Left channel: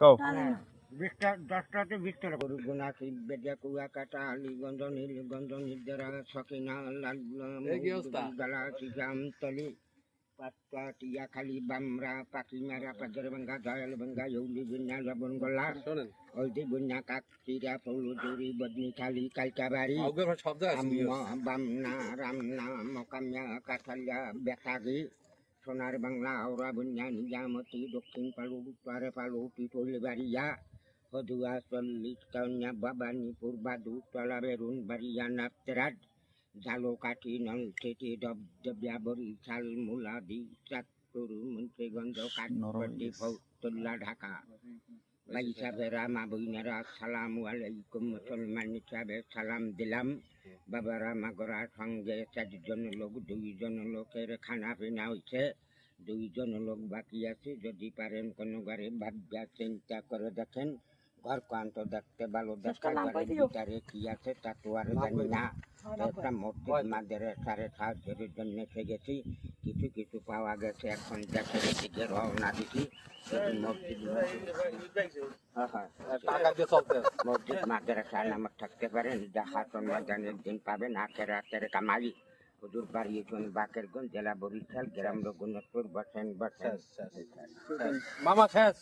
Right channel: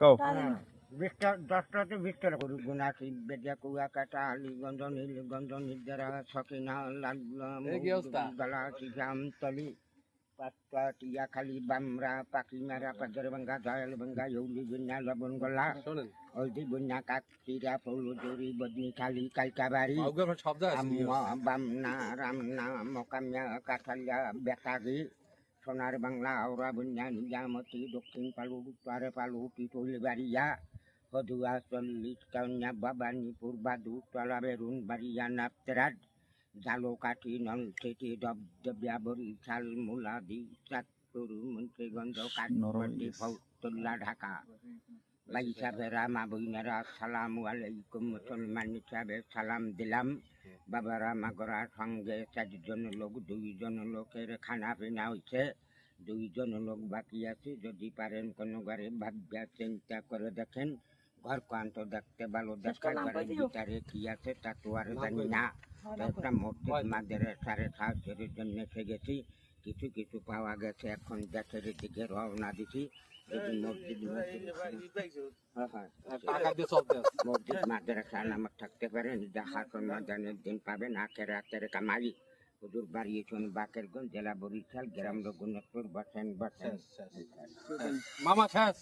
কও বিশটা 10টাতে 20টা গরু গুনাসি বেদিয়া কুয়াকাটা আলীগঞ্জ নীলগঞ্জ নির্জারা সকিনা লালগলা জামতলি পাটকা টিয়াখালী বামরা পাকিমারা পাজরবাঙ্গা দয়ালবাঙ্গা ইউলি গুন্না লবণগোলা হলদি গুন্না কাকচিরা পৌলজুরি বদনিখালী কালকাবাড়ি বামনা রামনা মকামিয়া কাঠালিয়া বেতাগি সোনার বাংলা আওরা বুন্যা নিজামতি দক্ষিণ পালু উত্তরে পালু টিটুলিবাড়িয়া হদুয়া 40 কাউনিয়া বাবানীপুর বাদু তলা বেরুন বাড়িয়া নাপতেরাট ঝালকাঠি নলছিটি দবদবিয়া বরিশাল মুলাদি চাঁদপুর মুন্সিগঞ্জ কাঠপট্টি ফতুল্লা ঢাকা ভাই সাহেবেরা মা বোনেরা আসসালামু আলাইকুম মুসলমান হিসাবে সালাম দিলাম বাবারা মাগরা সঙ্গে 4 লোক 2 লোকের খানা পিনা হয়েছে 2 লোক বাকি আছে যদি পারেন কোনো ঘরে ভাবনা চিন্তা করে দেখেন ঘর কান্ত দেখতে ভালো দেখার ভিতরে কি আছে তা তো আর জানি না একটা মসজিদ মাদ্রাসার সাহায্যের জন্য এসে গেছি কিছু কিছু পাওয়া গেছে এখন দেশের দিকে রওনা দিছি মসজিদ মসজিদ মাদ্রাসা নামক থাকতে পারেন জাহাতন ময়দানের দিন পাবেন আখের কামাই হুজুর বাড়িয়েছেন বাকেরগঞ্জ জেলা বরিশাল গ্রাম রঘুনাথপুর বসেন মামা শেষ